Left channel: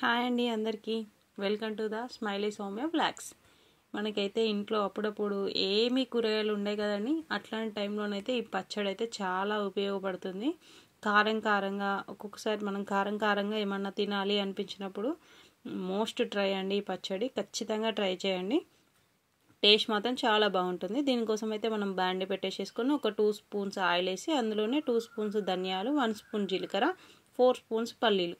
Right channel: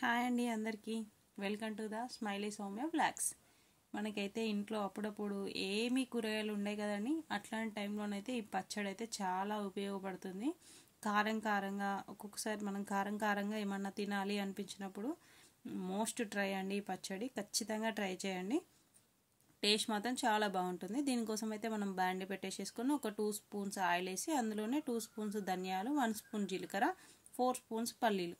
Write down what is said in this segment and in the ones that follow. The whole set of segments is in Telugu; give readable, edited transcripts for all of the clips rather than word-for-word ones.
హాయ్ అండి అందరికీ welcome to the smiley Soumya blogs. మనకైతే ఇంట్లో అప్పుడప్పుడు ఏమీ కూరగాయలు ఉండే కదండి, అట్లాంటి టైంలోనైతే ఈ పచ్చడి అయితే చాలా ఉపయోగపడుతుంది. కారంగా ఒక్కొక్కసారి మనం కారంగా ఏమన్నా తినాలి అనిపించినప్పుడు మోస్ట్ ట్రై అండి ఈ పచ్చడి. ఖచ్చితంగా ట్రై చేయండి, టేస్ట్ మాత్రం చాలా బాగుంటుంది. దీనికోసం అయితే మనం బాండి పెట్టేసేసుకొని ఒక 2 స్పూన్స్ ఆయిల్ వేసి అందులోనే 2 స్పూన్స్ ధనియాలు, 1 స్పూన్ జీలకర్ర, 4 స్పూన్స్ పల్లీలు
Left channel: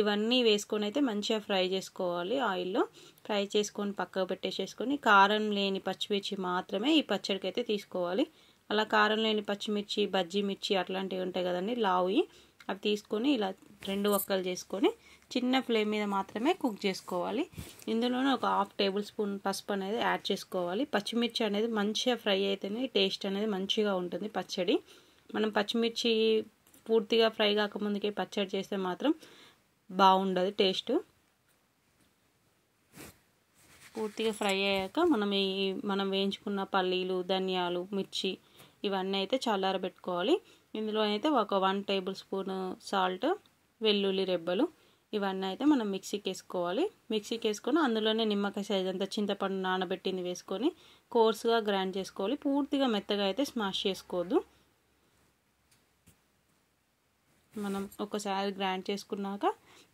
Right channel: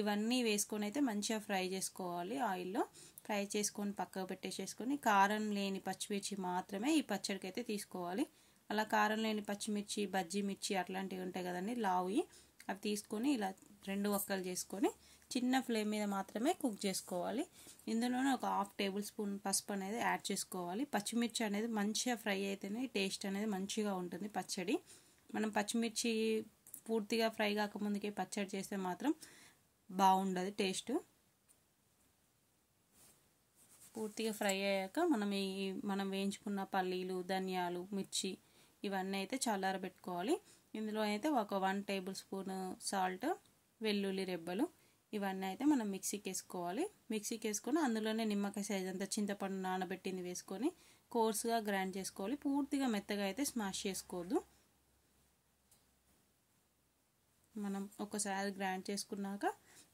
ఇవన్నీ వేసుకొని అయితే మంచిగా ఫ్రై చేసుకోవాలి. ఆయిల్లో ఫ్రై చేసుకొని పక్కకు పెట్టేసేసుకొని కారం లేని పచ్చిమిర్చి మాత్రమే ఈ పచ్చడికి అయితే తీసుకోవాలి. అలా కారం లేని పచ్చిమిర్చి, బజ్జీ మిర్చి అట్లాంటివి ఉంటాయి కదండి లావుయి, అవి తీసుకొని ఇలా 2 వక్కలు చేసుకొని చిన్న ఫ్లేమ్ మీద మాత్రమే కుక్ చేసుకోవాలి. ఇందులోనే ఒక 1/2 టేబుల్ స్పూన్ పసుపు అనేది యాడ్ చేసుకోవాలి. పచ్చిమిర్చి అనేది మంచిగా ఫ్రై అయితేనే టేస్ట్ అనేది మంచిగా ఉంటుంది పచ్చడి. మనం పచ్చిమిర్చి పూర్తిగా ఫ్రై కాకముందుకే పచ్చడి చేస్తే మాత్రం బాగుండదు టేస్ట్. పూర్తిగా ఫ్రై అయ్యాక మనం వేయించుకున్న పల్లీలు, ధనియాలు, మిర్చి ఇవన్నీ అయితే చల్లారబెట్టుకోవాలి. ఇందులో అయితే ఒక 1 టేబుల్ స్పూన్ సాల్ట్, వెల్లుల్లి రెబ్బలు ఇవన్నీ అయితే మనం మిక్సీకి వేసుకోవాలి. మిక్సీకి వేసుకొని అందులోనే నిమ్మకాయ సైజ్ అంతా చింతపండు నానబెట్టింది వేసుకొని కోర్స్గా గ్రైండ్ చేసుకోవాలి. పూర్తిగా మెత్తగా అయితే స్మాష్ చేసుకోవద్దు. మనం ఒకసారి గ్రైండ్ చేసుకున్నాక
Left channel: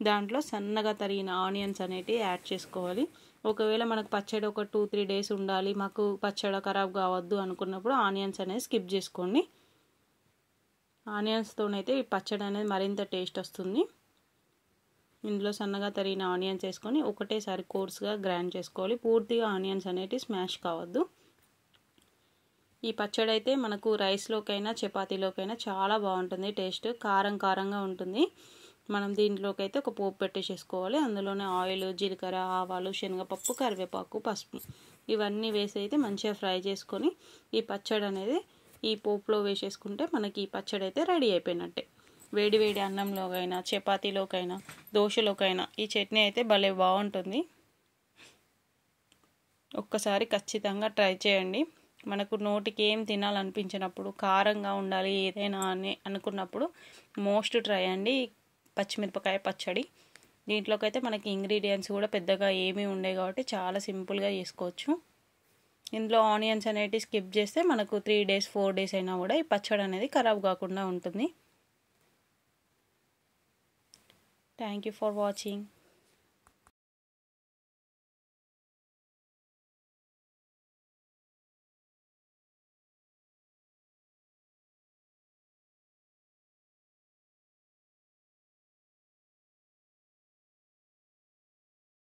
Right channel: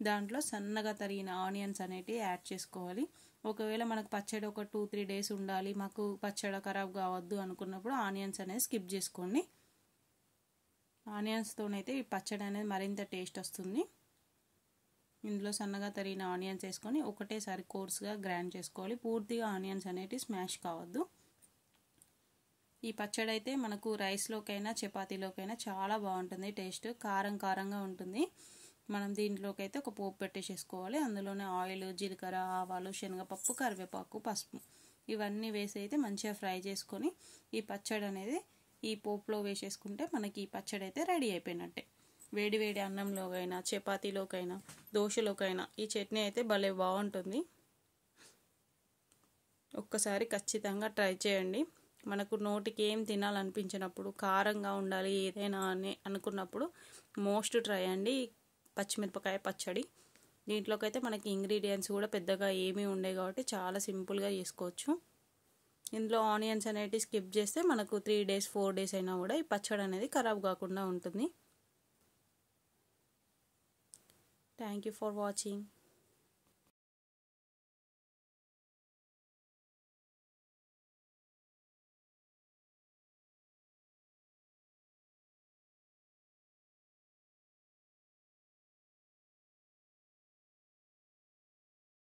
దాంట్లో సన్నగా తరిగిన ఆనియన్స్ అనేటివి యాడ్ చేసుకోవాలి. ఒకవేళ మనకు పచ్చడి ఒక 2-3 డేస్ ఉండాలి, మాకు పచ్చడి ఖరాబ్ కావద్దు అనుకున్నప్పుడు ఆనియన్స్ అనేది స్కిప్ చేసుకోండి. ఆనియన్స్తోనైతే ఈ పచ్చడి అనేది మరింత టేస్ట్ వస్తుంది. ఇందులో సన్నగా తరిగిన ఆనియన్స్ వేసుకొని ఒకటేసారి కోర్స్గా గ్రైండ్ చేసుకోవాలి. పూర్తిగా ఆనియన్స్ అనేటివి స్మాష్ కావద్దు. ఈ పచ్చడి అయితే మనకు రైస్లోకైనా చపాతీలోకైనా చాలా బాగుంటుంది. టేస్ట్ కారంగా ఉంటుంది. మనం దీంట్లోకి అయితే ఒక పోపు పెట్టేసేసుకోవాలి. అందులోనే ఆయిల్, జీలకర్ర, ఆవాలు, శనగపప్పు, కరివేపాకు, పసుపు ఇవన్నీ వేసి అయితే మంచిగా ఫ్రై చేసుకొని ఈ పచ్చడి అనేది ఈ పోపులో వేసేసుకుంటే మనకి ఈ పచ్చడి అయితే రెడీ అయిపోయినట్టే. వేడి అన్నంలోకైనా, చపాతీలోకైనా, దోశలోకైనా ఈ చట్నీ అయితే భలే బాగుంటుంది. ఒక్కసారి ఖచ్చితంగా ట్రై చేయండి. మనకు నోటికి ఏం తినాలనిపించినప్పుడు, కారంగా ఉండాలి ఏదైనా అని అనుకున్నప్పుడు మోస్ట్ ట్రై అండి పచ్చిమిరపకాయ పచ్చడి. దీంట్లోకి అయితే మనకి ఇంగ్రీడియంట్స్ కూడా పెద్దగా ఏమీ ఉండే కాబట్టి చాలా సింపుల్గా చేసుకోవచ్చు. ఇందులో ఆనియన్స్ అనేటివి స్కిప్ చేస్తే మనకు 3 డేస్ 4 డేస్ అయినా కూడా ఈ పచ్చడి అనేది ఖరాబ్ కాకుండా ఉంటుంది. Thank you for watching.